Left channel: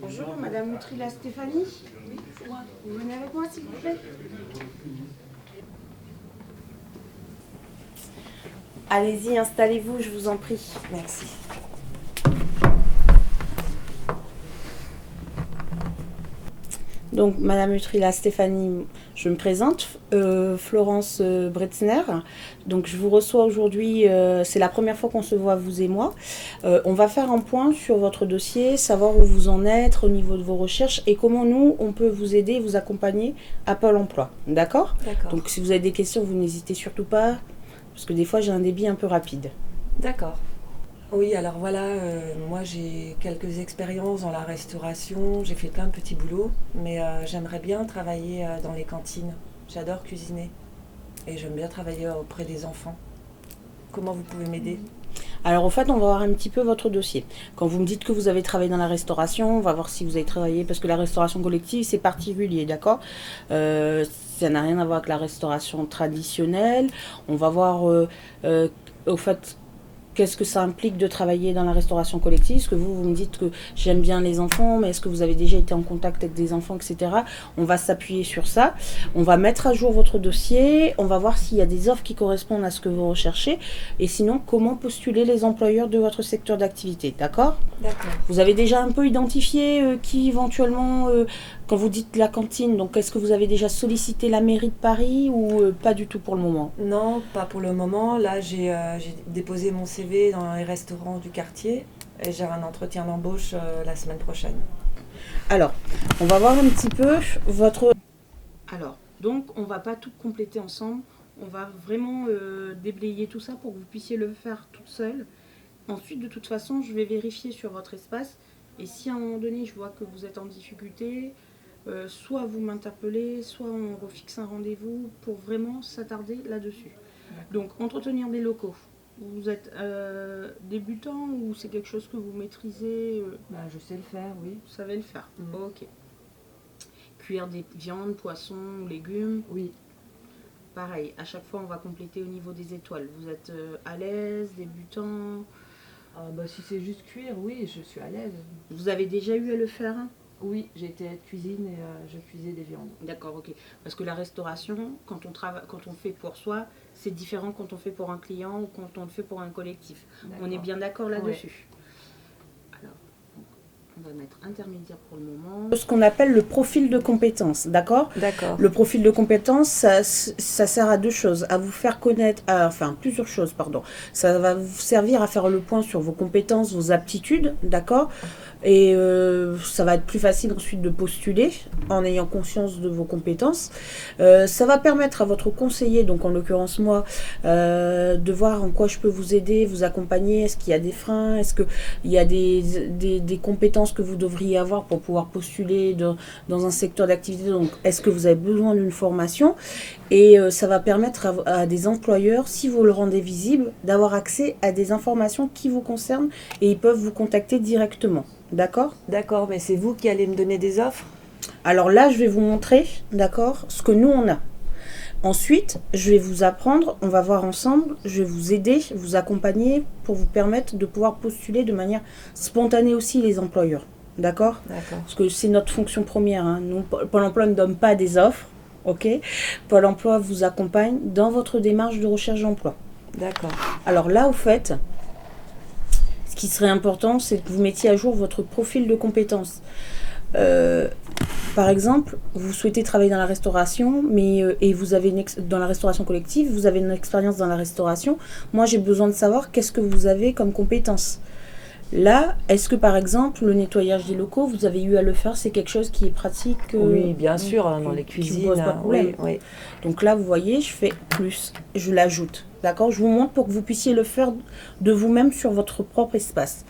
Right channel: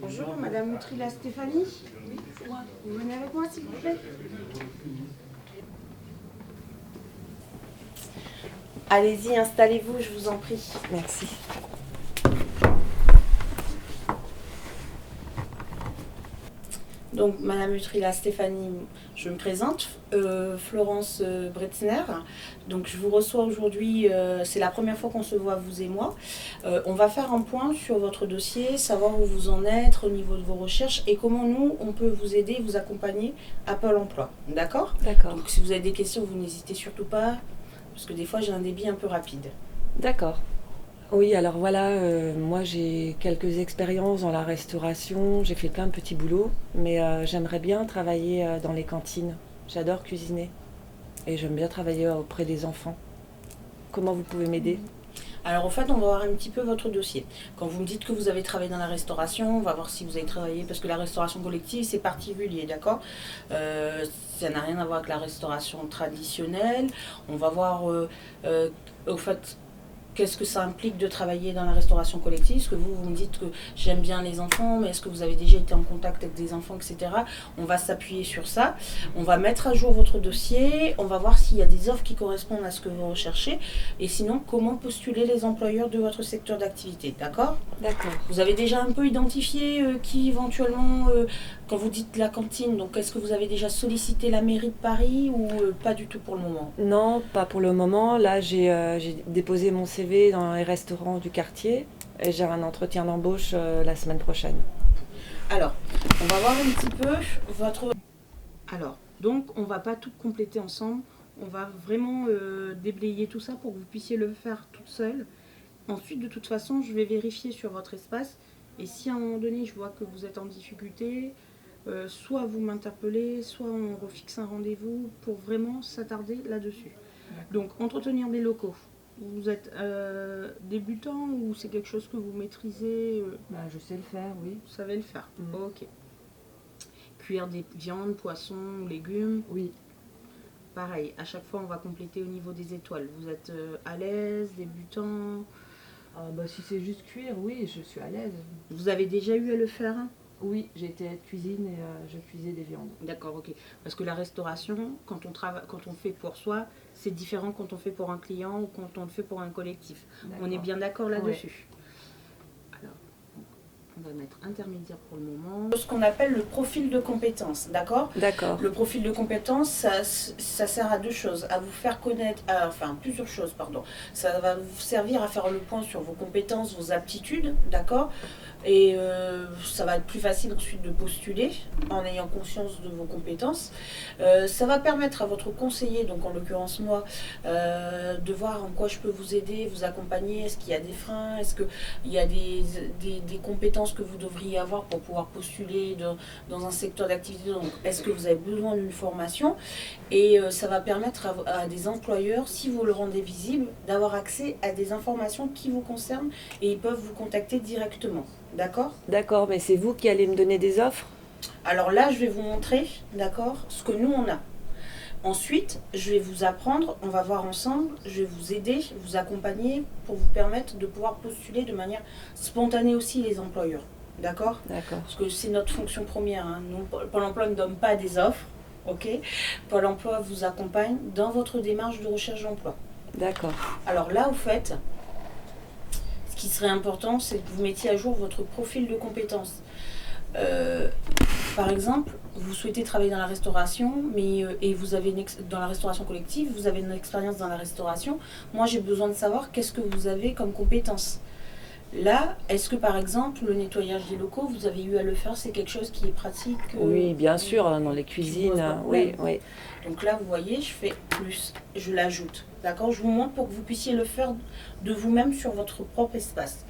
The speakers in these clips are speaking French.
Bonjour, Madame Outrila Stéphanie. Oui, c'est moi. Vous venez avec moi, s'il vous plaît. Allez-y, installez-vous, je vous en prie. Merci. Donc, Madame Utrila Stéphanie, je me présente, Florence Bretzner. Donc, je vous reçois aujourd'hui, c'est la première fois qu'on se voit, vous et moi. On va faire un point sur votre dossier, savoir où vous en êtes au niveau de vos recherches et comment nous, on peut vous aider, vous accompagner à Pôle emploi. D'accord ? D'accord. Donc, si vous avez des questions, vous n'hésitez surtout pas, parce que des fois, j'ai un débit un peu rapide. D'accord. Oui, alors voilà, moi j'ai quelques expériences dans la restauration, j'ai fait plein de petits boulots, mais j'aimerais bien travailler dans les cantines. J'adore cuisiner et j'aime bien travailler auprès des enfants. Comment vous pouvez m'aider ? Alors, en fait, on va voir un petit peu votre dossier. Quand vous me dites que vous avez travaillé dans la restauration, on va voir si vous avez travaillé, parce que la restauration collective, c'est particulier, d'accord ? Ça n'a rien à voir avec la restauration traditionnelle. On va voir, au fait, qu'est-ce que ça implique de travailler dans la restauration collective ? Est-ce que vous me dites que j'aime bien les enfants, mais est-ce que vous avez déjà été en contact avec des enfants, etc. On va s'appuyer sur ça. On va mettre à jour votre dossier. On va voir s'il y a des offres qui correspondent à ce que vous recherchez. Et sinon, comment postuler les employeurs de votre secteur d'activité. D'accord ? D'accord. Vous avez déjà un peu identifié qui éventuellement, quand vous dites la cantine, donc est-ce que vous avez déjà sollicité la mairie de Paris ou pas du tout pour le moment ? Non, pas pour le moment. Là, j'ai déposé mon CV dans les restaurants du quartier et j'ai un entretien d'embauche la semaine prochaine. Alors, on va voir un petit peu votre... Alors, donc, on va pas tout compléter ensemble. On va vraiment déblayer tout ça pour que vous puissiez le faire toute seule. Ensuite, de toute façon, je vais vérifier sur votre espace. Et si à un moment donné, je vois que vous êtes en difficulté, soit vous m'interpellez, soit on refixe un rendez-vous pour vraiment s'attarder là-dessus. Donc, entretenir des locaux. Vous êtes débutant ou c'est quelque chose que vous maîtrisez Je sais le faire, oui. Vous savez le faire. Ok. Cuire des viandes, poissons, légumes. Oui. Pareil, à chaque fois on va compléter au niveau des étoiles. Vous êtes à l'aise, débutant? Si c'est juste cuire, oui, je suis à l'aise. Vous avez déjà eu à le faire? Oui, j'ai été aide cuisine et je cuisais des viandes. D'accord, ok. Parce que la restauration, quand on fait pour soi, c'est différent quand on fait pour un client ou quand on le fait pour un collectif. D'accord. On est bien d'accord là-dessus. Alors, on va mettre intermédiaire pour le moment. Ce qu'on appelle le profil de compétences, d'accord ? D'accord. Le profil de compétences, ça sert à deux choses, à vous faire connaître, plusieurs choses, pardon. Ça va vous servir à faire le point sur vos compétences, vos aptitudes, d'accord ? Et ça va être plus facile ensuite de postuler en ayant conscience de vos compétences. Ça va permettre à votre conseiller, donc en l'occurrence moi, de voir en quoi je peux vous aider, vous accompagner. Est-ce qu'il y a des freins ? Est-ce qu'il y a des compétences que vous devriez avoir pour pouvoir postuler dans un secteur d'activité ? Donc, est-ce que vous avez besoin d'une formation ? Et ça va permettre à des employeurs, si vous le rendez visible, d'avoir accès à des informations qui vous concernent et ils peuvent vous contacter directement. D'accord ? D'accord, mais c'est vous qui allez me donner des offres ? Alors là, je vais vous montrer, d'accord, ce que nous on a. Ensuite, je vais vous apprendre, on va voir ensemble, je vais vous aider, vous accompagner pour vous permettre de pouvoir postuler de manière spontanée aussi les employeurs. D'accord ? D'accord. Parce que c'est notre fonction première. Hein. Nous, Pôle emploi ne donne pas des offres, ok ? Pôle emploi vous accompagne dans votre démarche de recherche d'emploi. D'accord. Alors là, au fait, ce qui serait important, c'est que vous mettiez à jour votre profil de compétences. Par exemple, vous souhaitez travailler dans la restauration, et vous avez dans la restauration collective, vous avez une expérience dans la restauration. Moi, j'ai besoin de savoir qu'est-ce que vous avez comme compétences. Là, est-ce que par exemple, le nettoyage des locaux, vous avez eu à le faire, c'est quelque chose qui est pratique Oui, bien sûr, dans les cuisines. Oui. Donc là, vous voyez, je fais plus, je l'ajoute. D'accord ? Je vous montre pour que vous puissiez le faire de vous-même sur votre propre espace.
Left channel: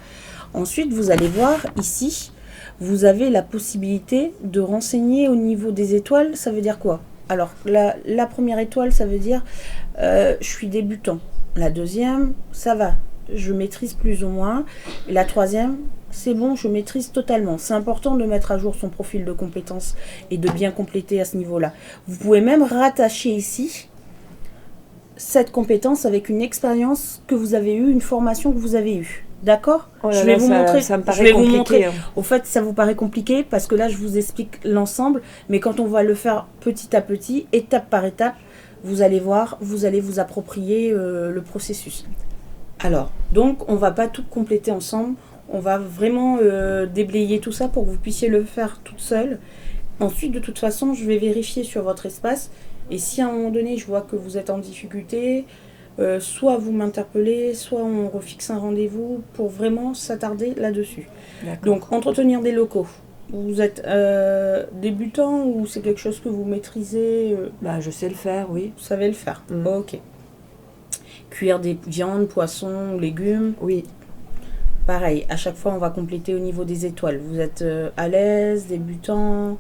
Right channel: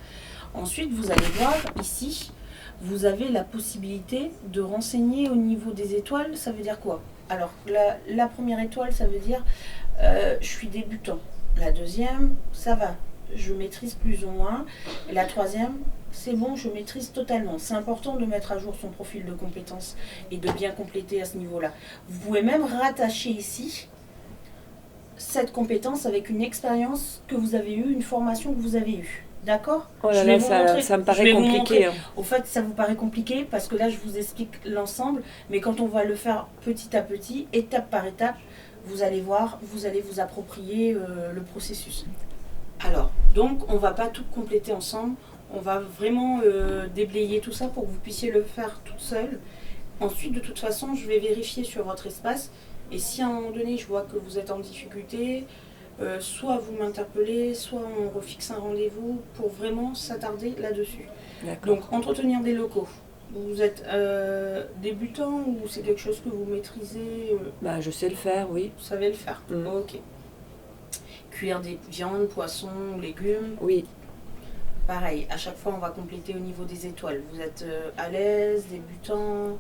Ensuite, vous allez voir ici, vous avez la possibilité de renseigner au niveau des étoiles. Ça veut dire quoi ? Alors, la première étoile, ça veut dire je suis débutant. La deuxième, ça va, je maîtrise plus ou moins. Et la troisième, c'est bon, je maîtrise totalement. C'est important de mettre à jour son profil de compétences et de bien compléter à ce niveau-là. Vous pouvez même rattacher ici cette compétence avec une expérience que vous avez eue, une formation que vous avez eue. D'accord? Oh Je là vais là, vous montrer. ça me Je paraît vais vous compliqué, montrer. hein. Au fait, ça vous paraît compliqué parce que là, je vous explique l'ensemble. Mais quand on va le faire petit à petit, étape par étape, vous allez voir, vous allez vous approprier le processus. Alors, donc, on va pas tout compléter ensemble. On va vraiment déblayer tout ça pour que vous puissiez le faire toute seule. Ensuite, de toute façon, je vais vérifier sur votre espace. Et si à un moment donné, je vois que vous êtes en difficulté, soit vous m'interpellez, soit on refixe un rendez-vous pour vraiment s'attarder là-dessus. D'accord. Donc, entretenir des locaux. Vous êtes débutant ou c'est quelque chose que vous maîtrisez Bah, je sais le faire, oui. Vous savez le faire. Ok. Cuire des viandes, poissons, légumes. Oui. Pareil, à chaque fois, on va compléter au niveau des étoiles. Vous êtes à l'aise, débutant?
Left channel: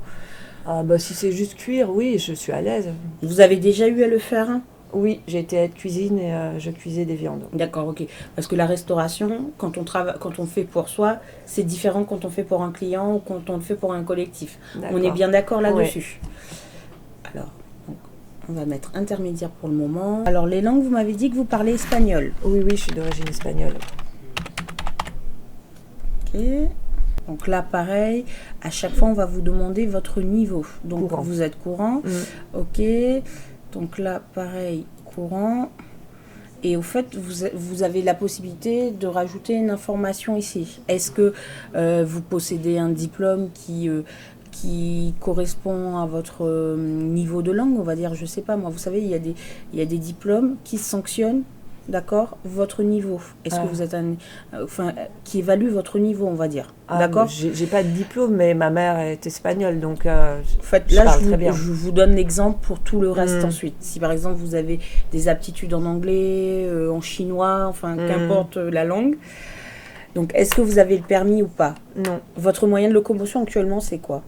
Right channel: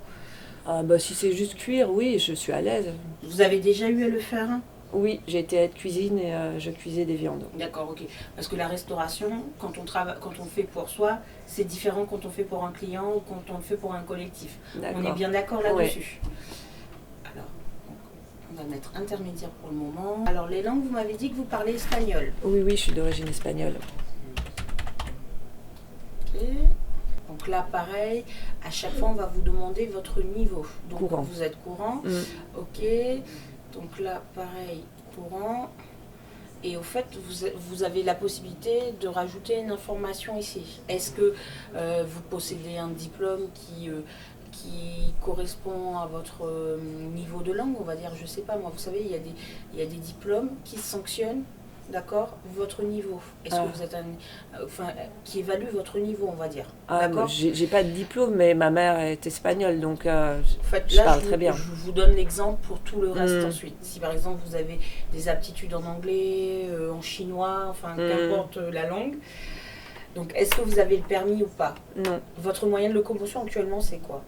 Ah bah si c'est juste cuire, oui, je suis à l'aise. Vous avez déjà eu à le faire? Oui, j'ai été aide cuisine et je cuisais des viandes. D'accord, ok. Parce que la restauration, quand on fait pour soi, c'est différent quand on fait pour un client ou quand on le fait pour un collectif. D'accord. On est bien d'accord là-dessus. Ouais. Alors, donc, on va mettre intermédiaire pour le moment. Alors, les langues, vous m'avez dit que vous parlez espagnol. Oui, je suis d'origine espagnole. Ok. Donc là, pareil, à chaque fois, on va vous demander votre niveau. Donc, courant. Vous êtes courant. Ok. Donc là, pareil, courant. Et au fait, vous avez la possibilité de rajouter une information ici. Est-ce que vous possédez un diplôme qui correspond à votre niveau de langue, on va dire, je sais pas moi, vous savez, il y a des diplômes qui sanctionnent, d'accord, votre niveau. Est-ce que vous êtes qui évalue votre niveau, on va dire, d'accord. J'ai pas de diplôme, mais ma mère est espagnole, donc en fait, je là, parle très bien. je vous donne l'exemple pour tout le reste ensuite. Si par exemple vous avez des aptitudes en anglais, en chinois, enfin qu'importe la langue. Donc, est-ce que vous avez le permis ou pas? Non. Votre moyen de locomotion actuellement, c'est quoi?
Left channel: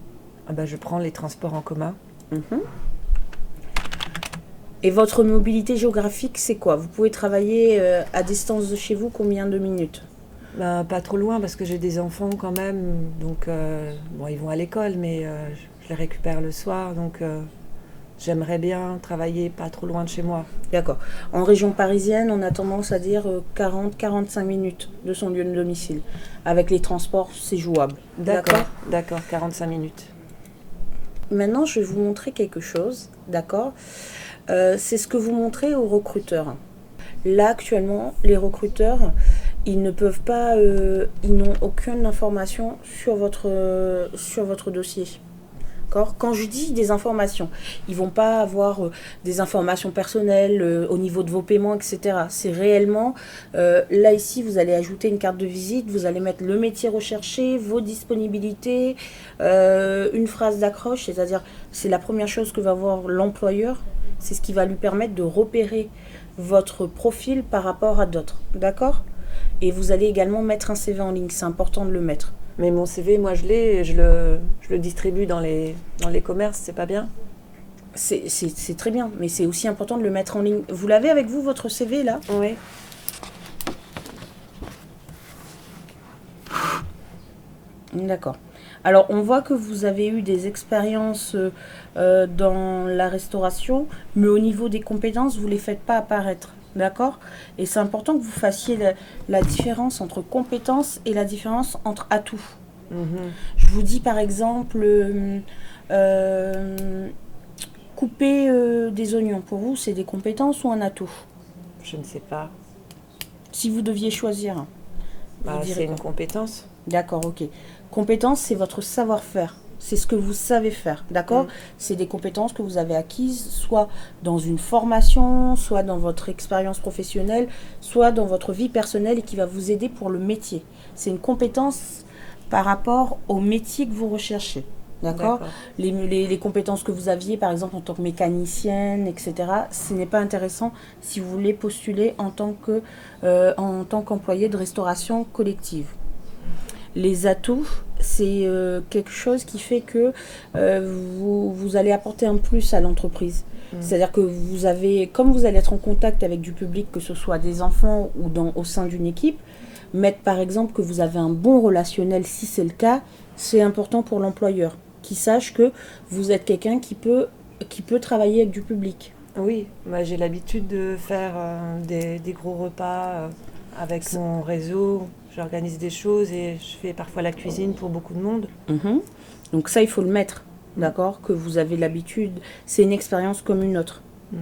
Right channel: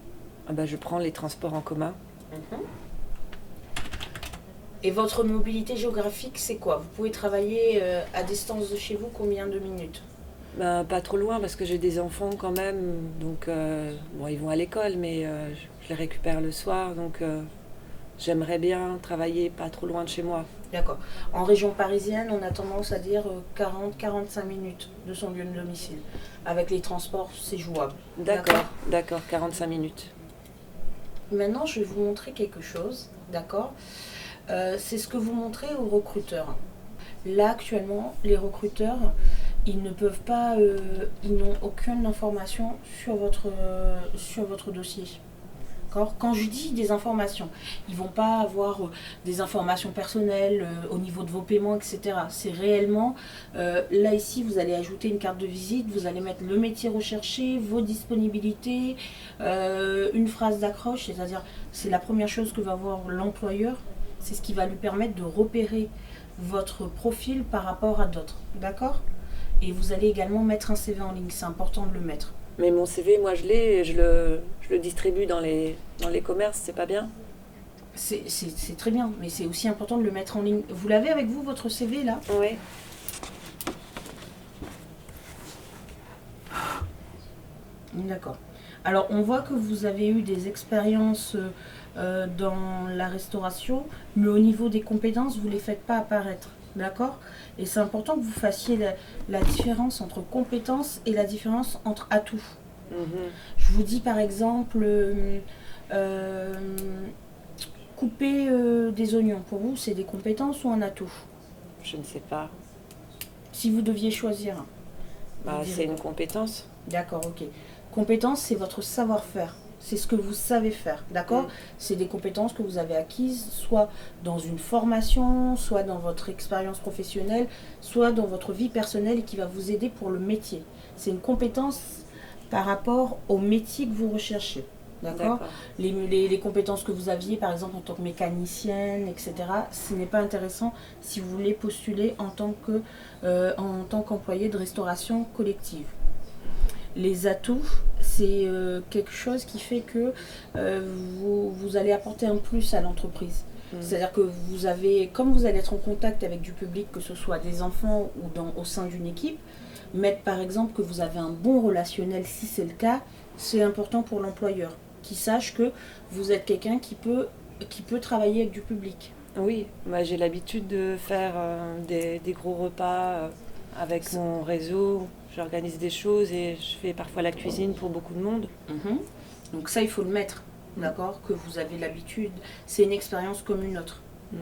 Ah bah, je prends les transports en commun. Et votre mobilité géographique, c'est quoi? Vous pouvez travailler à distance de chez vous combien de minutes? Bah, pas trop loin parce que j'ai des enfants quand même, donc bon, ils vont à l'école, mais je les récupère le soir, donc j'aimerais bien travailler pas trop loin de chez moi. D'accord. En région parisienne, on a tendance à dire 40-45 minutes de son lieu de domicile. Avec les transports, c'est jouable. D'accord, 45 minutes. Maintenant, je vais vous montrer quelque chose, d'accord. C'est ce que vous montrez aux recruteurs. Là, actuellement, les recruteurs, ils ne peuvent pas, ils n'ont aucune information sur votre dossier. Quand je dis des informations, ils ne vont pas avoir des informations personnelles au niveau de vos paiements, etc. C'est réellement, là ici, vous allez ajouter une carte de visite, vous allez mettre le métier recherché, vos disponibilités, une phrase d'accroche, c'est-à-dire c'est la première chose que va voir l'employeur, c'est ce qui va lui permettre de repérer votre profil par rapport à d'autres, d'accord? Et vous allez également mettre un CV en ligne, c'est important de le mettre. Mais mon CV, moi je l'ai et je le distribue dans les commerces, c'est pas bien? C'est très bien, mais c'est aussi important de le mettre en ligne. Vous l'avez avec vous, votre CV, là? Oui. D'accord. Alors, on voit que vous avez eu des expériences dans la restauration, mais au niveau des compétences, vous ne les faites pas apparaître. D'accord? Et c'est important que vous fassiez la différence entre compétences et la différence entre atouts. Je vous dis par exemple, couper des oignons, pour vous, c'est des compétences ou un atout? Je ne sais pas. Si vous deviez choisir. C'est une compétence. D'accord, ok. Compétence, c'est votre savoir-faire. C'est ce que vous savez faire, d'accord? C'est des compétences que vous avez acquises, soit dans une formation, soit dans votre expérience professionnelle, soit dans votre vie personnelle et qui va vous aider pour le métier. C'est une compétence par rapport au métier que vous recherchez, d'accord? Les compétences que vous aviez, par exemple, en tant que mécanicienne, etc., ce n'est pas intéressant si vous voulez postuler en tant qu'employé de restauration collective. Les atouts, c'est quelque chose qui fait que vous allez apporter un plus à l'entreprise. C'est-à-dire que comme vous allez être en contact avec du public, que ce soit des enfants ou au sein d'une équipe, mettre par exemple que vous avez un bon relationnel, si c'est le cas, c'est important pour l'employeur, qui sache que vous êtes quelqu'un qui peut travailler avec du public. Oui, j'ai l'habitude de faire des gros repas avec mon réseau. J'organise des choses et je fais parfois la cuisine pour beaucoup de monde. Mhm. Donc ça, il faut le mettre, d'accord? Que vous avez l'habitude. C'est une expérience comme une autre. Mm.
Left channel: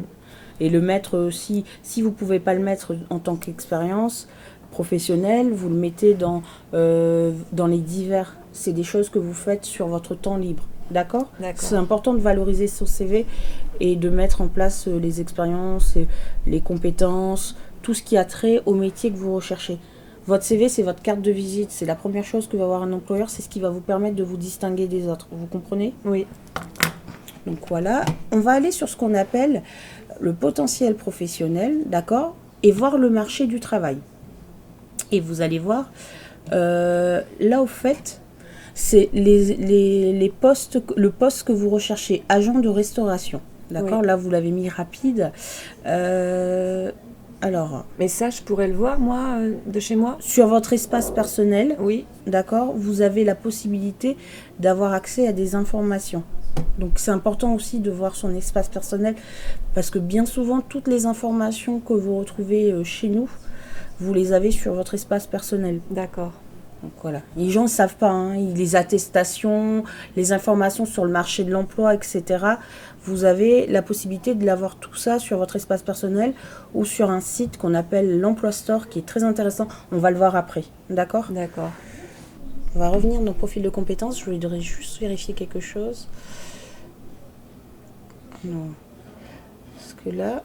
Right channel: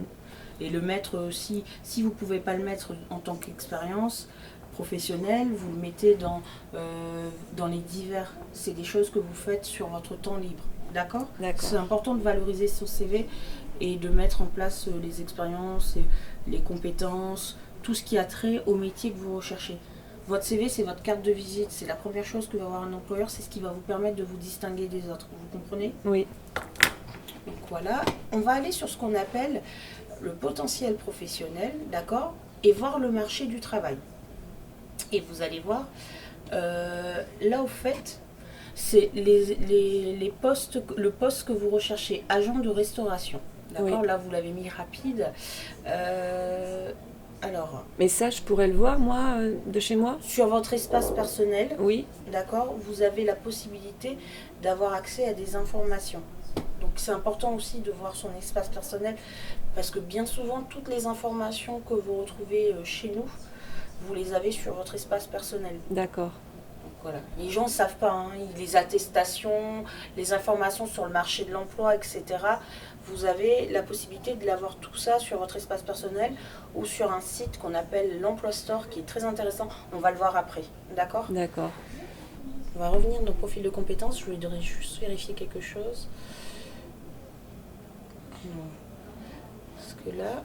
Et le mettre aussi, si vous ne pouvez pas le mettre en tant qu'expérience professionnelle, vous le mettez dans les divers. C'est des choses que vous faites sur votre temps libre. D'accord? D'accord. C'est important de valoriser son CV et de mettre en place les expériences, et les compétences, tout ce qui a trait au métier que vous recherchez. Votre CV, c'est votre carte de visite. C'est la première chose que va avoir un employeur. C'est ce qui va vous permettre de vous distinguer des autres. Vous comprenez? Oui. Donc voilà. On va aller sur ce qu'on appelle le potentiel professionnel, d'accord? Et voir le marché du travail. Et vous allez voir, là au fait, c'est les postes, le poste que vous recherchez, agent de restauration. D'accord? Oui. Là, vous l'avez mis rapide. Alors, Mais ça, je pourrais le voir, moi, de chez moi? sur votre espace personnel, Oui. d'accord, vous avez la possibilité d'avoir accès à des informations. Donc c'est important aussi de voir son espace personnel parce que bien souvent, toutes les informations que vous retrouvez chez nous, vous les avez sur votre espace personnel. D'accord. Donc voilà. Les gens ne savent pas, hein, les attestations, les informations sur le marché de l'emploi, etc. Vous avez la possibilité de l'avoir tout ça sur votre espace personnel ou sur un site qu'on appelle l'Emploi Store qui est très intéressant. On va le voir après. D'accord? D'accord. On va revenir dans le profil de compétences. Je voudrais juste vérifier quelque chose. Non. Parce que là,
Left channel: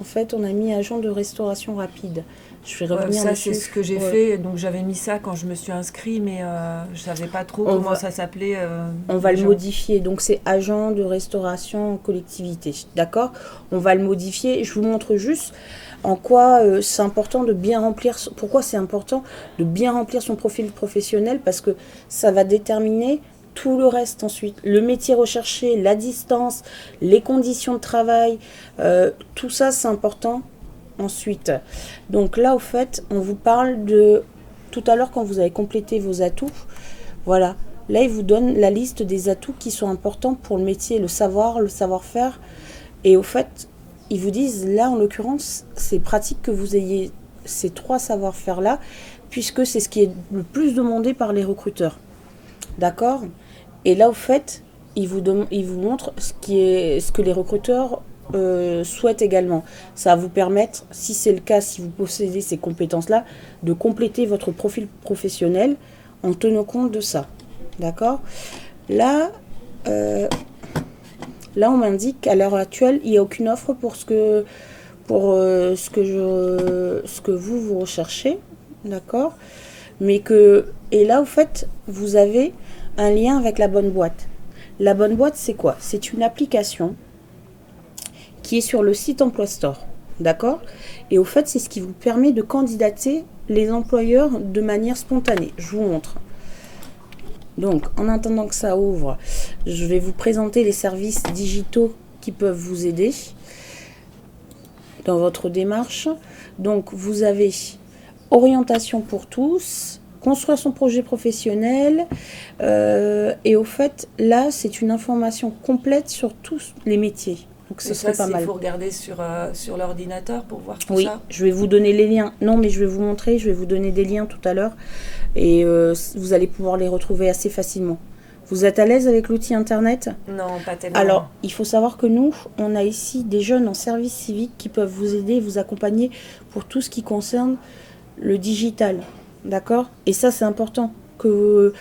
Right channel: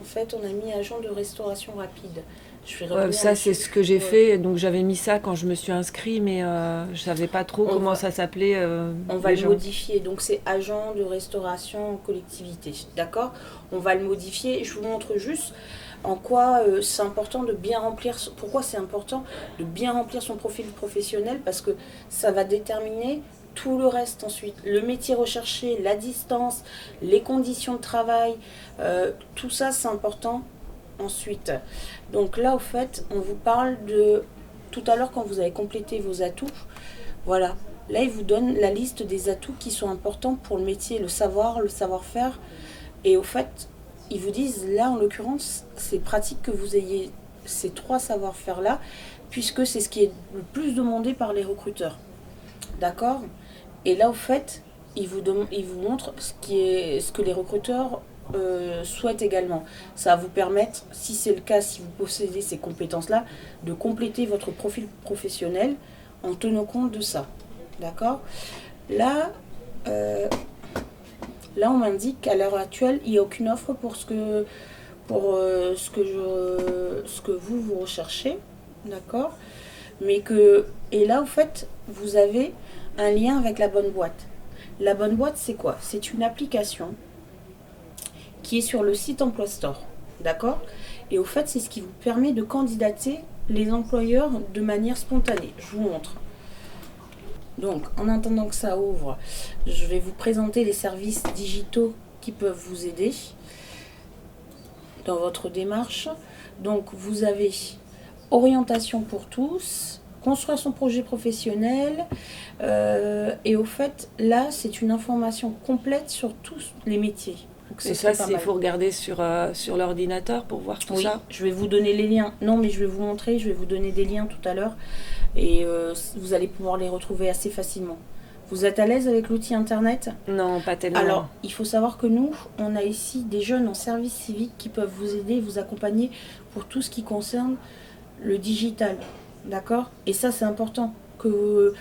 en fait, on a mis agent de restauration rapide. Je vais revenir Ça, dessus. c'est ce que j'ai fait. Donc, j'avais mis ça quand je me suis inscrit, mais je savais pas trop comment ça s'appelait. On va le modifier. Donc, c'est agent de restauration en collectivité. D'accord? On va le modifier. Je vous montre juste en quoi c'est important de bien remplir. Pourquoi c'est important de bien remplir son profil professionnel? Parce que ça va déterminer tout le reste ensuite. Le métier recherché, la distance, les conditions de travail, tout ça, c'est important. Ensuite, donc là au fait, on vous parle de tout à l'heure quand vous avez complété vos atouts. Voilà, là il vous donne la liste des atouts qui sont importants pour le métier, le savoir, le savoir-faire. Et au fait, ils vous disent là en l'occurrence, c'est pratique que vous ayez ces 3 savoir-faire là, puisque c'est ce qui est le plus demandé par les recruteurs. D'accord? Et là au fait, ils vous montrent ce que les recruteurs souhaite également. Ça va vous permettre, si c'est le cas, si vous possédez ces compétences-là, de compléter votre profil professionnel en tenant compte de ça. D'accord? Là, on m'indique qu'à l'heure actuelle, il n'y a aucune offre pour ce que vous recherchez. D'accord? Et là, au fait, vous avez un lien avec la bonne boîte. La bonne boîte, c'est quoi? C'est une application qui est sur le site Emploi Store. D'accord? Et au fait, c'est ce qui vous permet de candidater les employeurs de manière spontanée. Je vous montre. Donc, en attendant que ça ouvre, je vais vous présenter les services digitaux qui peuvent vous aider dans votre démarche. Donc, vous avez orientation pour tous, construire son projet professionnel. Et au fait, là, c'est une information complète sur tous les métiers. Donc Et ça, il faut regarder sur l'ordinateur pour voir tout ça. Oui, je vais vous donner les liens. Non, mais je vais vous montrer, je vais vous donner des liens tout à l'heure. Et vous allez pouvoir les retrouver assez facilement. Vous êtes à l'aise avec l'outil Internet? Non, pas tellement. Alors, il faut savoir que nous, on a ici des jeunes en service civique qui peuvent vous aider, vous accompagner pour tout ce qui concerne le digital. D'accord? Et ça, c'est important que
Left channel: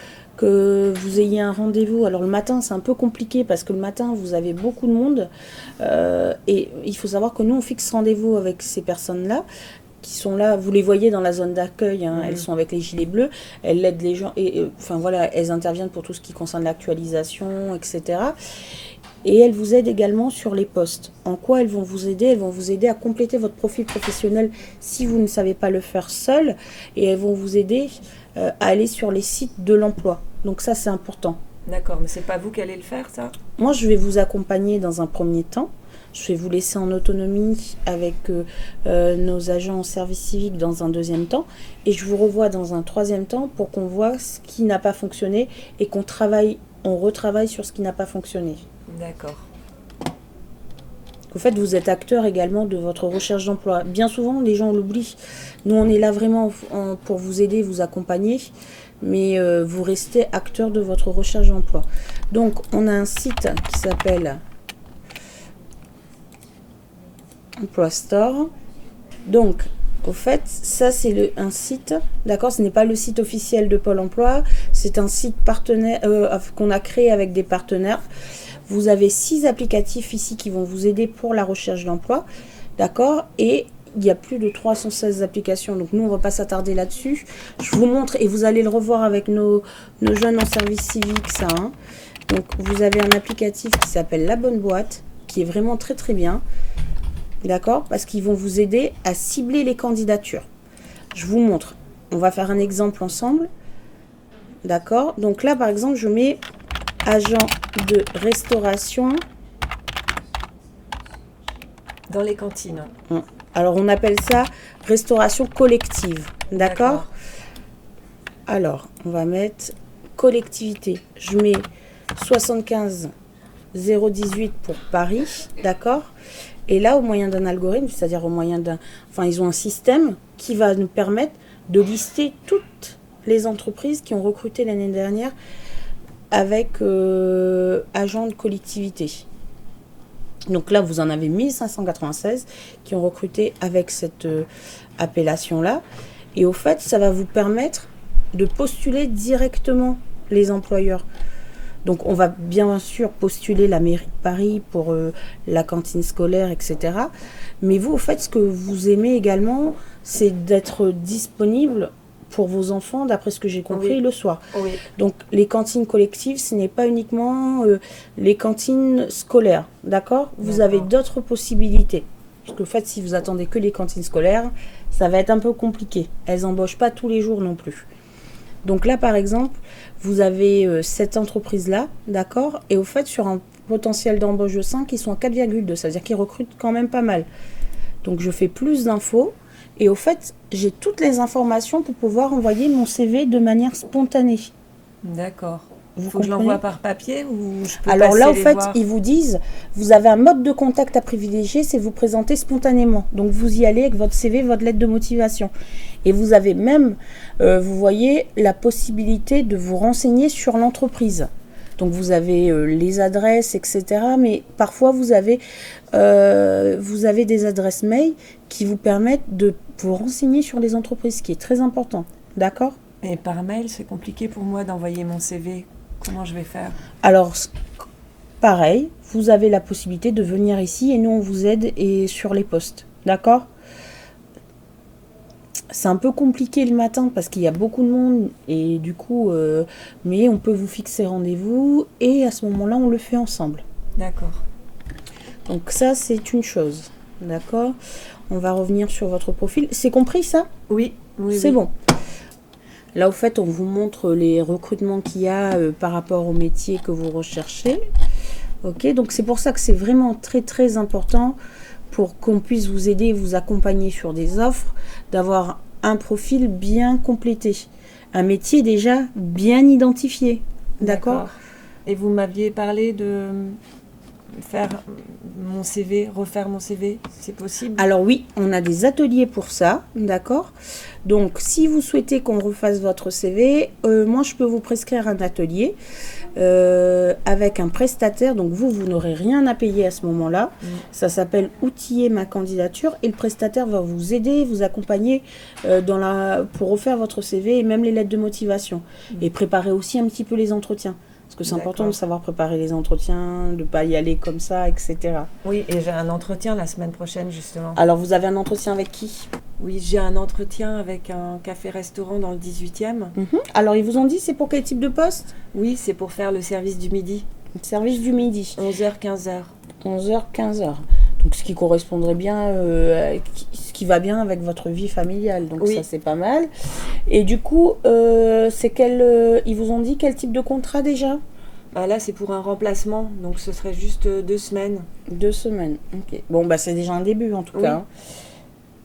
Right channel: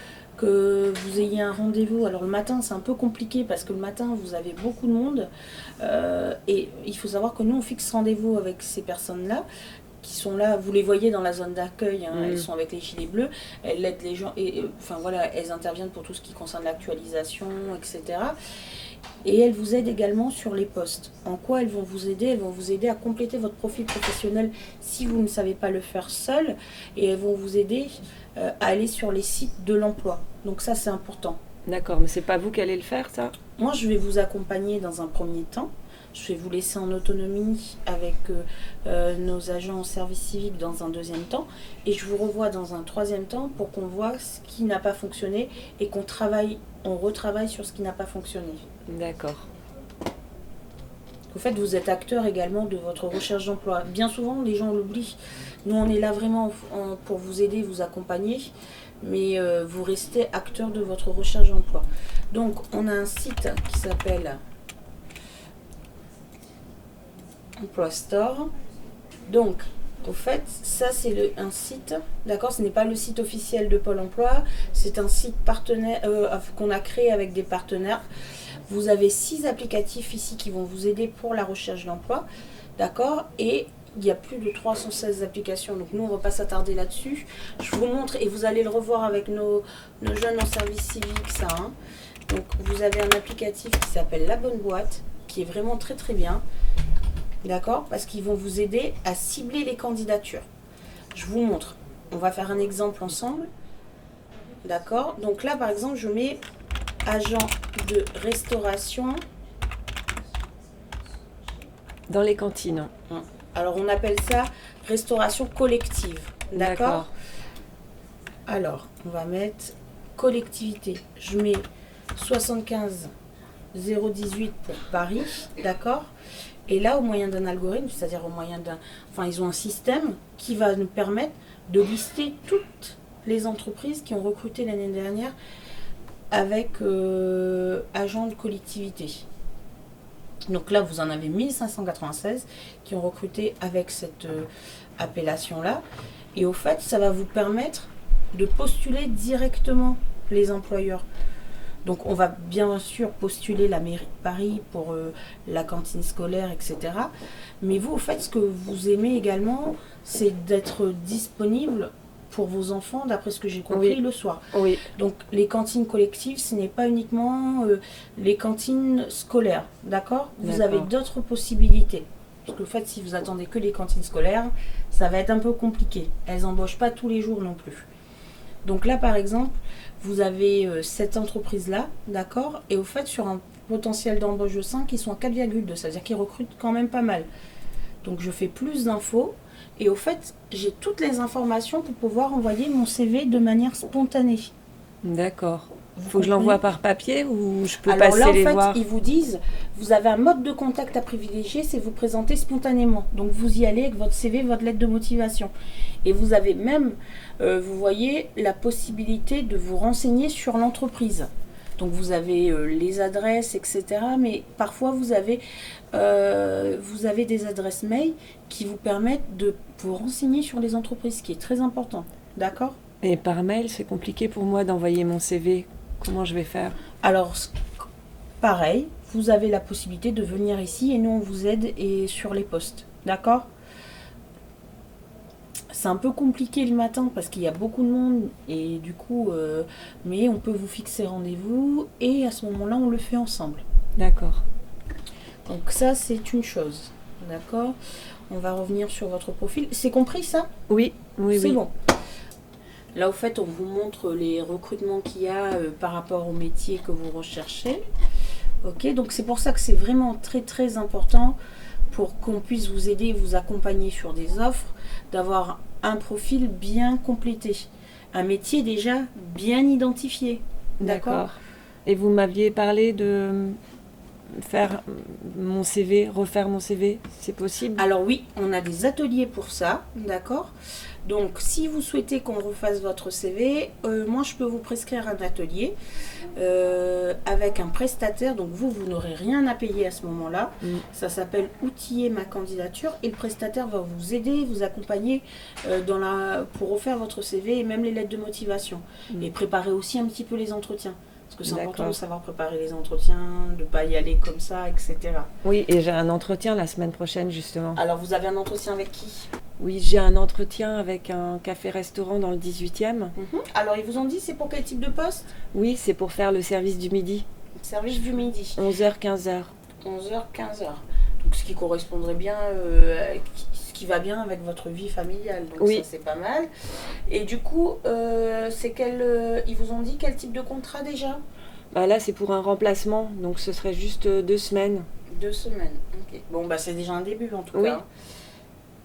vous ayez un rendez-vous. Alors le matin, c'est un peu compliqué parce que le matin, vous avez beaucoup de monde. Et il faut savoir que nous, on fixe rendez-vous avec ces personnes-là qui sont là. Vous les voyez dans la zone d'accueil. Hein, Elles sont avec les gilets bleus. Elles aident les gens. Enfin voilà, elles interviennent pour tout ce qui concerne l'actualisation, etc. Et elles vous aident également sur les postes. En quoi elles vont vous aider? Elles vont vous aider à compléter votre profil professionnel si vous ne savez pas le faire seul. Et elles vont vous aider à aller sur les sites de l'emploi. Donc ça, c'est important. D'accord, mais c'est pas vous qui allez le faire, ça? Moi, je vais vous accompagner dans un premier temps. Je vais vous laisser en autonomie avec nos agents en service civique dans un deuxième temps. Et je vous revois dans un troisième temps pour qu'on voit ce qui n'a pas fonctionné et on retravaille sur ce qui n'a pas fonctionné. D'accord. qu'en fait, vous êtes acteur également de votre recherche d'emploi. Bien souvent, les gens l'oublient. Nous, on est là vraiment pour vous aider, vous accompagner, mais vous restez acteur de votre recherche d'emploi. Donc, on a un site qui s'appelle Emploi Store. Donc, au fait, ça c'est un site, d'accord, ce n'est pas le site officiel de Pôle emploi, c'est un site partenaire qu'on a créé avec des partenaires. Vous avez 6 applicatifs ici qui vont vous aider pour la recherche d'emploi, d'accord, et il y a plus de 316 applications, donc nous on ne va pas s'attarder là-dessus. Je vous montre et vous allez le revoir avec nos jeunes en service civique, ça. Hein. Donc vous avez un applicatif qui s'appelle La Bonne Boîte, qui est vraiment très très bien. D'accord? Parce qu'ils vont vous aider à cibler les candidatures. Je vous montre. On va faire un exemple ensemble. D'accord? Donc là, par exemple, je mets agent de restauration. Dans les cantines. Alors, on appelle ça restauration collective. D'accord? Alors, on va mettre collectivité. Je mets 75 018 pour Paris. D'accord? Et là, au moyen d'un algorithme, c'est-à-dire au moyen d'un... Enfin, ils ont un système qui va nous permettre de lister toutes les entreprises qui ont recruté l'année dernière avec agent de collectivité. Donc là, vous en avez 1596 qui ont recruté avec cette appellation-là. Et au fait, ça va vous permettre de postuler directement les employeurs. Donc, on va bien sûr postuler la mairie de Paris pour la cantine scolaire, etc. Mais vous, au fait, ce que vous aimez également, c'est d'être disponible pour vos enfants, d'après ce que j'ai compris, le soir. Oui. Donc, les cantines collectives, ce n'est pas uniquement les cantines scolaires, d'accord? Vous avez d'autres possibilités. Parce que, au fait, si vous attendez que les cantines scolaires, ça va être un peu compliqué. Elles n'embauchent pas tous les jours non plus. Donc là, par exemple, vous avez cette entreprise-là, d'accord? Et au fait, sur un potentiel d'embauche de 5, ils sont à 4,2. C'est-à-dire qu'ils recrutent quand même pas mal. Donc, je fais plus d'infos. Et au fait, j'ai toutes les informations pour pouvoir envoyer mon CV de manière spontanée. D'accord. Faut que je l'envoie par papier ou je peux Alors passer là, en les fait, voir. ils vous disent, vous avez un mode de contact à privilégier, c'est vous présenter spontanément. Donc, vous y allez avec votre CV, votre lettre de motivation. Et vous avez même, vous voyez, la possibilité de vous renseigner sur l'entreprise. Donc, vous avez les adresses, etc. Mais parfois, vous avez des adresses mail qui vous permettent de vous renseigner sur les entreprises, ce qui est très important. D'accord ? Et par mail, c'est compliqué pour moi d'envoyer mon CV. Comment je vais faire? Alors, pareil, vous avez la possibilité de venir ici et nous, on vous aide et sur les postes. D'accord ? C'est un peu compliqué le matin parce qu'il y a beaucoup de monde et du coup, mais on peut vous fixer rendez-vous et à ce moment-là, on le fait ensemble. D'accord. Donc ça, c'est une chose. D'accord ? On va revenir sur votre profil. C'est compris ça ? Oui, oui, c'est oui. bon. Là, au fait, on vous montre les recrutements qu'il y a par rapport au métier que vous recherchez. Ok, donc c'est pour ça que c'est vraiment très très important pour qu'on puisse vous aider, vous accompagner sur des offres, d'avoir un profil bien complété, un métier déjà bien identifié. D'accord ? Et vous m'aviez parlé de faire mon CV, refaire mon CV, c'est possible? Alors oui, on a des ateliers pour ça, d'accord ? Donc si vous souhaitez qu'on refasse votre CV, moi je peux vous prescrire un atelier avec un prestataire. Donc vous n'aurez rien à payer à ce moment-là. Ça s'appelle outiller ma candidature et le prestataire va vous aider, vous accompagner pour refaire votre CV et même les lettres de motivation. Et préparer aussi un petit peu les entretiens. Parce que c'est important de savoir préparer les entretiens, de ne pas y aller comme ça, etc. Oui, et j'ai un entretien la semaine prochaine, justement. Alors, vous avez un entretien avec qui ? Oui, j'ai un entretien avec un café-restaurant dans le 18e. Alors, ils vous ont dit c'est pour quel type de poste ? Oui, c'est pour faire le service du midi. Le service du midi. 11h, 15h. 11h, 15h. Donc, ce qui correspondrait bien, ce qui va bien avec votre vie familiale. Donc, ça, c'est pas mal. Et du coup, ils vous ont dit quel type de contrat déjà ? Bah là, c'est pour un remplacement. Donc, ce serait juste 2 semaines. 2 semaines, ok. Bon, bah, c'est déjà un début, en tout cas.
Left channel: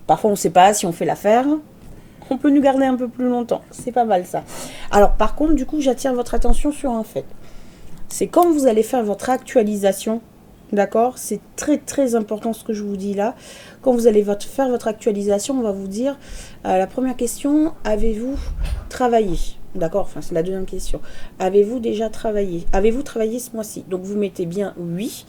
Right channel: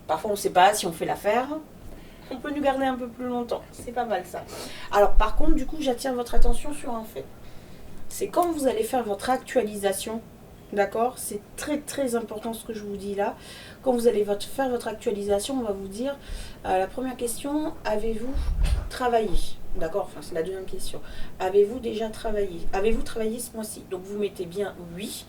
Parfois, on ne sait pas si on fait l'affaire. On peut nous garder un peu plus longtemps. C'est pas mal, ça. Alors, par contre, du coup, j'attire votre attention sur un fait. C'est quand vous allez faire votre actualisation D'accord? C'est très très important ce que je vous dis là. Quand vous allez faire votre actualisation, on va vous dire la première question, avez-vous travaillé? D'accord? Enfin, c'est la deuxième question. Avez-vous déjà travaillé? Avez-vous travaillé ce mois-ci? Donc vous mettez bien oui.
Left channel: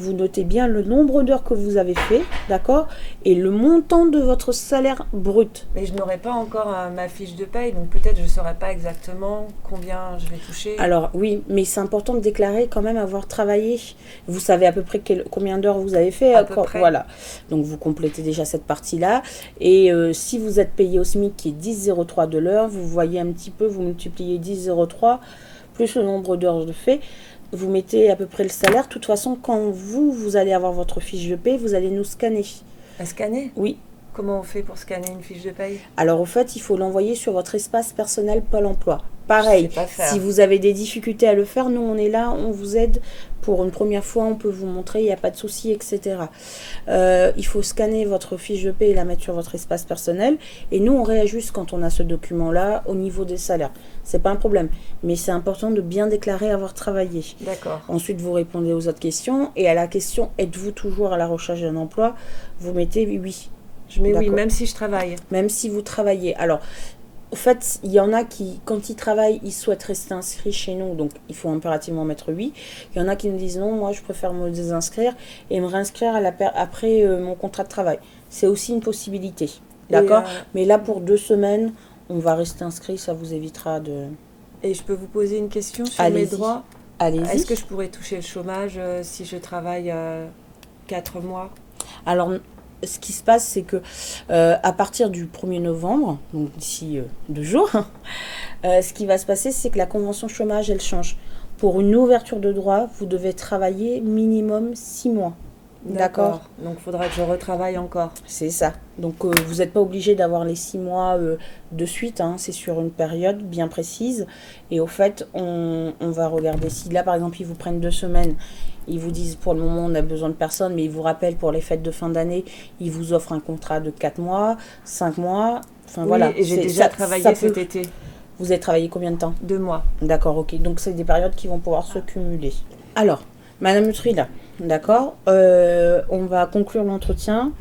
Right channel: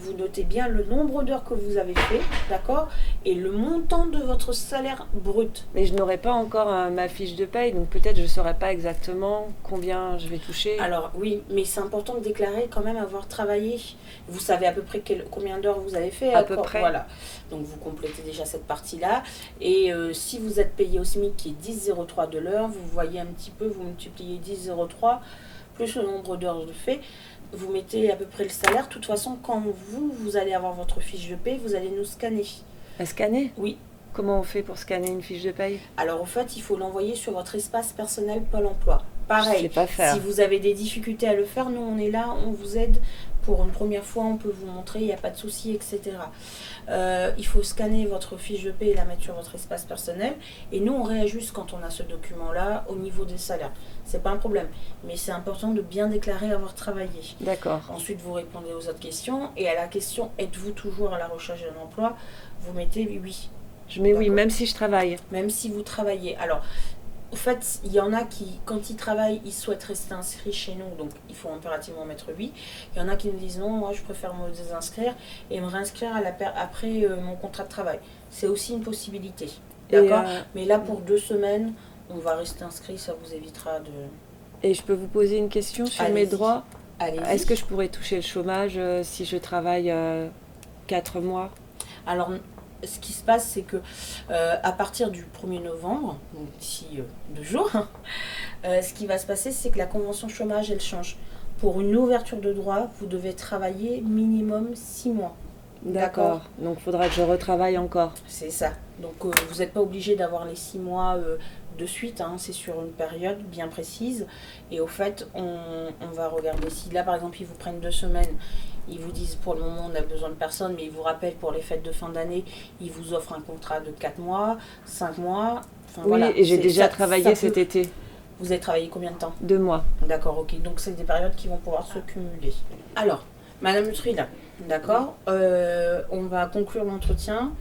Vous notez bien le nombre d'heures que vous avez fait, d'accord? Et le montant de votre salaire brut. Mais je n'aurai pas encore ma fiche de paye, donc peut-être je ne saurai pas exactement combien je vais toucher. Alors oui, mais c'est important de déclarer quand même avoir travaillé. Vous savez à peu près combien d'heures vous avez fait. À peu près. Voilà. Donc vous complétez déjà cette partie-là. Et si vous êtes payé au SMIC qui est 10,03 de l'heure, vous voyez un petit peu, vous multipliez 10,03 plus le nombre d'heures de fait. Vous mettez à peu près le salaire. De toute façon, quand vous allez avoir votre fiche de paie, vous allez nous scanner. À scanner? Oui. Comment on fait pour scanner une fiche de paye? Alors, au fait, il faut l'envoyer sur votre espace personnel Pôle emploi. Pareil, si vous avez des difficultés à le faire, nous, on est là, on vous aide. Pour une première fois, on peut vous montrer, il n'y a pas de souci, etc. Il faut scanner votre fiche de paie et la mettre sur votre espace personnel. Et nous, on réajuste quand on a ce document-là au niveau des salaires. C'est pas un problème. Mais c'est important de bien déclarer avoir travaillé. D'accord. Ensuite, vous répondez aux autres questions. Et à la question, êtes-vous toujours à la recherche d'un emploi? Vous mettez oui. Je mets oui, même si je travaille. Même si vous travaillez. Alors, en fait, il y en a qui, quand ils travaillent, ils souhaitent rester inscrits chez nous, donc il faut impérativement mettre oui. Il y en a qui nous disent non, moi je préfère me désinscrire et me réinscrire après mon contrat de travail. C'est aussi une possibilité. D'accord? Mais là, pour 2 semaines, on va rester inscrit, ça vous évitera de... Et je peux vous poser une question sur mes droits? Allez-y. Est-ce que je pourrais toucher le chômage si je travaille 4 mois? Alors, ce qui se passe, c'est que à partir du 1er novembre, donc d'ici 2 jours, ce qui va se passer, c'est que la convention chômage, elle change. Pour une ouverture de droit, vous devez travailler minimum 6 mois. D'accord. Donc, il faudra que je retravaille encore. C'est ça. Donc, vous n'êtes pas obligé d'avoir les 6 mois de suite. Hein. C'est sur une période bien précise. Et au fait, on va regarder si là, par exemple, ils vous prennent 2 semaines. Ils vous disent pour le moment on a besoin de personne, mais ils vous rappellent pour les fêtes de fin d'année, ils vous offrent un contrat de 4 mois, 5 mois. Enfin oui, voilà. Et j'ai déjà travaillé cet été. Vous avez travaillé combien de temps? 2 mois. D'accord, ok. Donc c'est des périodes qui vont pouvoir se cumuler. Alors, Madame Utrila, d'accord, on va conclure l'entretien.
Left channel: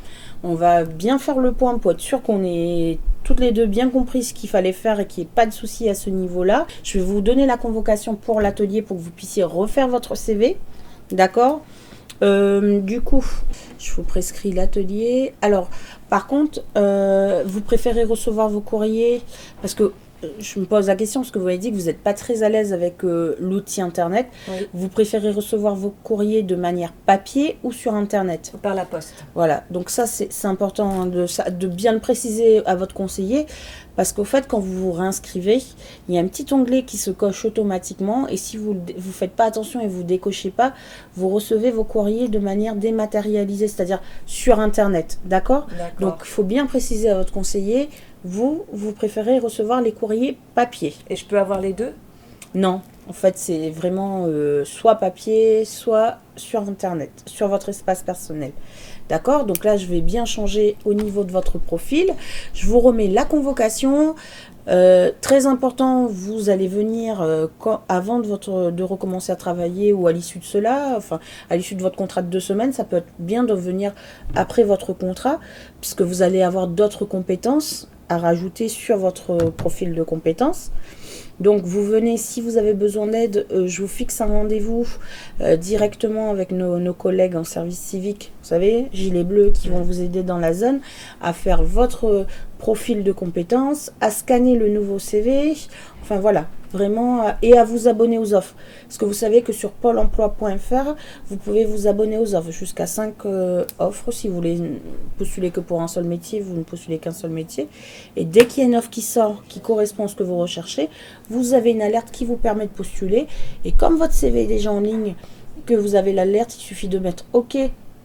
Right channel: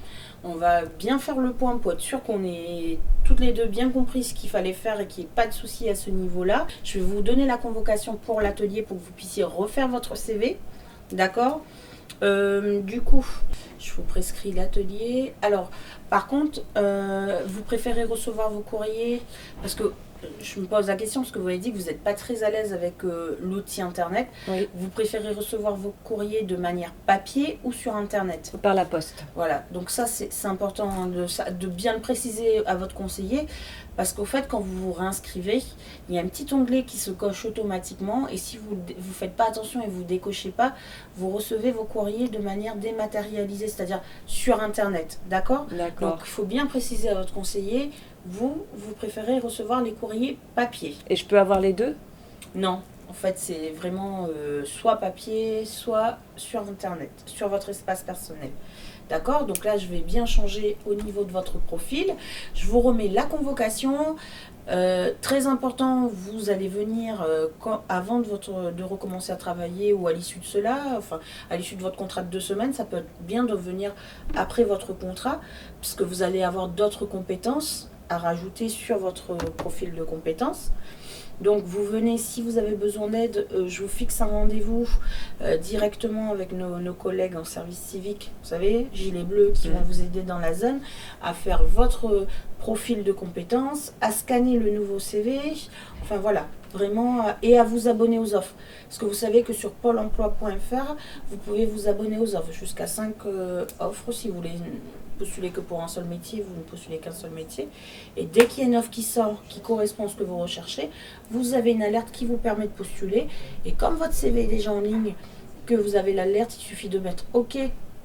On va bien faire le point pour être sûr qu'on ait toutes les deux bien compris ce qu'il fallait faire et qu'il n'y ait pas de souci à ce niveau-là. Je vais vous donner la convocation pour l'atelier pour que vous puissiez refaire votre CV. D'accord. Du coup, je vous prescris l'atelier. Alors, par contre, vous préférez recevoir vos courriers parce que je me pose la question parce que vous avez dit que vous n'êtes pas très à l'aise avec l'outil internet. Oui. Vous préférez recevoir vos courriers de manière papier ou sur internet? Par la poste. Voilà, donc ça c'est important de bien le préciser à votre conseiller parce qu'au fait quand vous vous réinscrivez, il y a un petit onglet qui se coche automatiquement et si vous ne faites pas attention et vous ne décochez pas, vous recevez vos courriers de manière dématérialisée, c'est-à-dire sur internet, d'accord? Donc il faut bien préciser à votre conseiller. Vous préférez recevoir les courriers papier. Et je peux avoir les deux? Non, en fait c'est vraiment soit papier, soit sur internet, sur votre espace personnel. D'accord? Donc là je vais bien changer au niveau de votre profil. Je vous remets la convocation. Très important, vous allez venir avant de recommencer à travailler ou à l'issue de cela, enfin à l'issue de votre contrat de 2 semaines, ça peut être bien de venir après votre contrat, puisque vous allez avoir d'autres compétences à rajouter sur votre profil de compétences. Donc vous venez, si vous avez besoin d'aide, je vous fixe un rendez-vous directement avec nos collègues en service civique, vous savez, gilets bleus qui vont vous aider dans la zone à faire votre profil de compétences, à scanner le nouveau CV, enfin voilà, vraiment, et à vous abonner aux offres. Parce que vous savez que sur pôle emploi.fr, vous pouvez vous abonner aux offres, jusqu'à 5 offres. Si vous voulez postuler que pour un seul métier, vous ne postulez qu'un seul métier. Et dès qu'il y a une offre qui sort, qui correspond à ce que vous recherchez, vous avez une alerte qui vous permet de postuler. Et comme votre CV est déjà en ligne, que vous avez l'alerte, il suffit de mettre OK.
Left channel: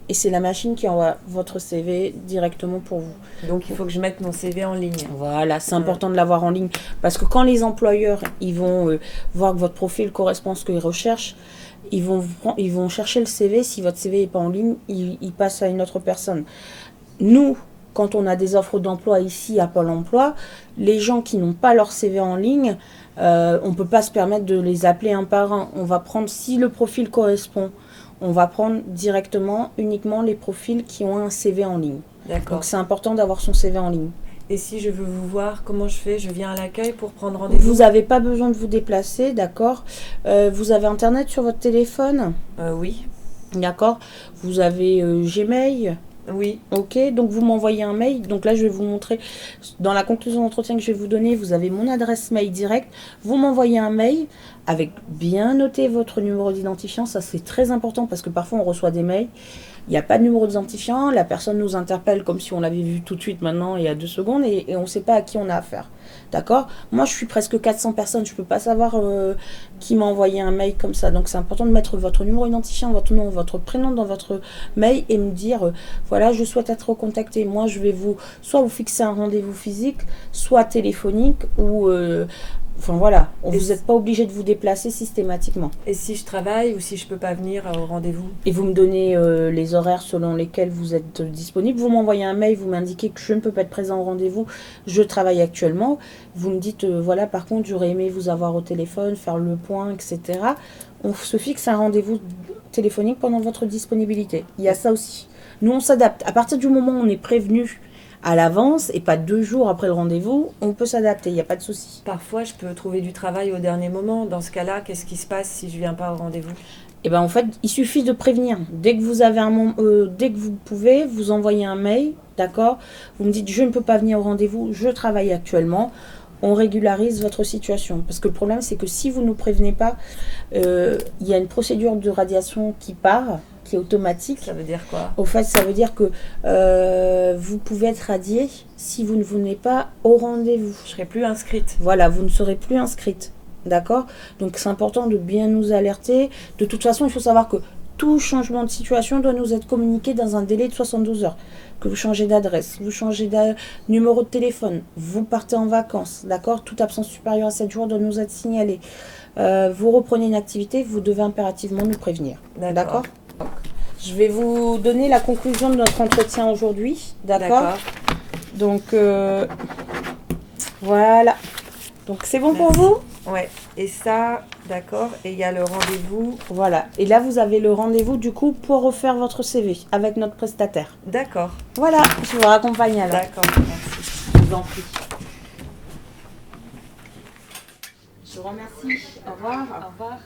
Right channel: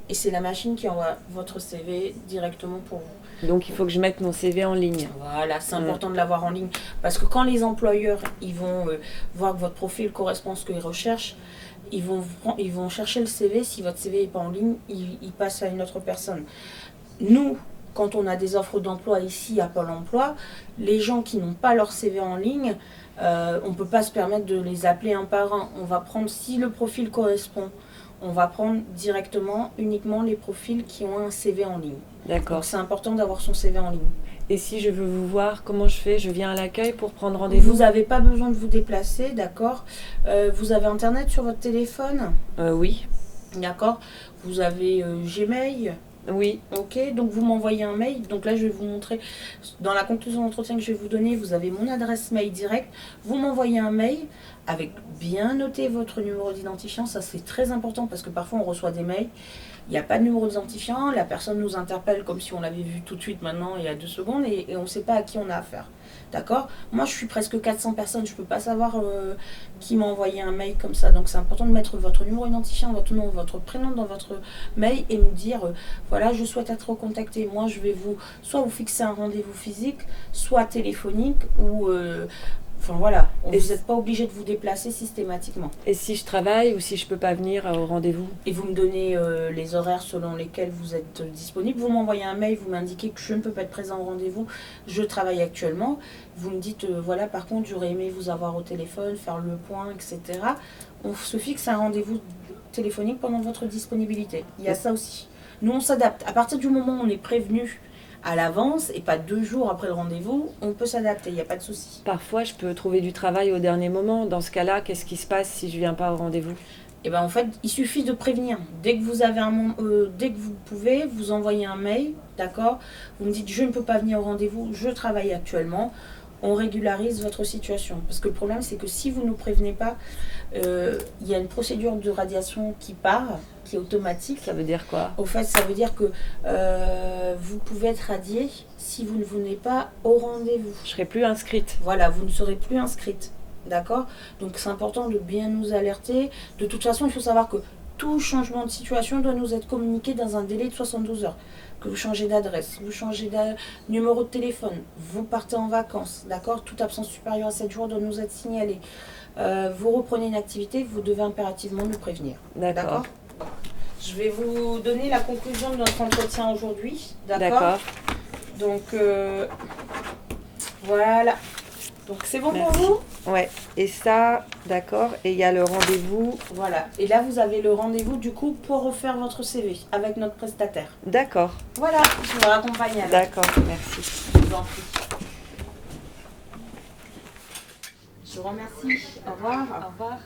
Et c'est la machine qui envoie votre CV directement pour vous. Donc il faut que je mette mon CV en ligne. Voilà, c'est important de l'avoir en ligne. Parce que quand les employeurs ils vont voir que votre profil correspond à ce qu'ils recherchent, ils vont chercher le CV. Si votre CV n'est pas en ligne, ils passent à une autre personne. Nous, quand on a des offres d'emploi ici à Pôle emploi, les gens qui n'ont pas leur CV en ligne, on ne peut pas se permettre de les appeler un par un. On va prendre, si le profil correspond, On va prendre directement, uniquement les profils qui ont un CV en ligne. D'accord. Donc c'est important d'avoir son CV en ligne. Et si je veux vous voir, comment je fais? Je viens à l'accueil pour prendre rendez-vous? Vous n'avez pas besoin de vous déplacer, d'accord. Vous avez Internet sur votre téléphone? Oui. D'accord. Vous avez Gmail? Oui. Ok, donc vous m'envoyez un mail. Donc là, je vais vous montrer, dans la conclusion d'entretien que je vais vous donner, vous avez mon adresse mail directe. Vous m'envoyez un mail avec bien noté votre numéro d'identifiant. Ça, c'est très important parce que parfois, on reçoit des mails. Il n'y a pas de numéro d'identifiant. La personne nous interpelle comme si on l'avait vu tout de suite maintenant, il y a 2 secondes, et on ne sait pas à qui on a affaire. D'accord. Moi, je suis presque 400 personnes. Je ne peux pas savoir qui m'a envoyé un mail comme ça. Donc, c'est important de mettre votre numéro identifiant, votre nom, votre prénom dans votre mail et me dire, voilà, je souhaite être recontacté. Moi, je vais soit vous fixer un rendez-vous physique, soit téléphonique, ou... Enfin voilà, vous n'êtes pas obligé de vous déplacer systématiquement. Et si je travaille ou si je peux pas venir au rendez-vous? Et vous me donnez les horaires selon lesquels vous êtes disponible. Vous m'envoyez un mail, vous m'indiquez que je ne peux pas être présent au rendez-vous, je travaille actuellement. Vous me dites, voilà, par contre, j'aurais aimé vous avoir au téléphone, faire le point, etc. On se fixe un rendez-vous téléphonique pendant votre disponibilité. Il y a ça aussi. Nous, on s'adapte. À partir du moment où on est prévenu à l'avance et pas 2 jours après le rendez-vous, on peut s'adapter, il n'y a pas de souci. Parfois, je peux trouver du travail au dernier moment. Dans ce cas-là, qu'est-ce qui se passe si je viens pas au rendez-vous? Et ben en fait, il suffit de prévenir. Dès que vous avez dès que vous pouvez, vous envoyez un mail, d'accord? Vous me dites je ne peux pas venir au rendez-vous, je travaille actuellement. On régularise votre situation. Parce que le problème, c'est que si vous ne nous prévenez pas, il y a une procédure de radiation qui part, qui est automatique. Ça veut dire quoi? Au fait, ça veut dire que vous pouvez être radié si vous ne venez pas au rendez-vous. Je serai plus inscrite. Voilà, vous ne serez plus inscrite. D'accord? Donc c'est important de bien nous alerter. De toute façon, il faut savoir que tout changement de situation doit nous être communiqué dans un délai de 72 heures. Que vous changez d'adresse, vous changez de numéro de téléphone, vous partez en vacances, d'accord? Toute absence supérieure à 7 jours doit nous être signalée. Vous reprenez une activité, vous devez impérativement nous prévenir. D'accord? Je vais vous donner la conclusion de notre entretien aujourd'hui. D'accord? Donc, voilà. Donc, c'est bon pour vous? Ouais. Et ça, d'accord. Et il y a le rendez-vous. Voilà. Et là, vous avez le rendez-vous, du coup, pour refaire votre CV avec notre prestataire. D'accord. Voilà. Je vous raccompagne alors. D'accord. Merci. Je vous en prie. Je vous remercie. Au revoir. Au revoir.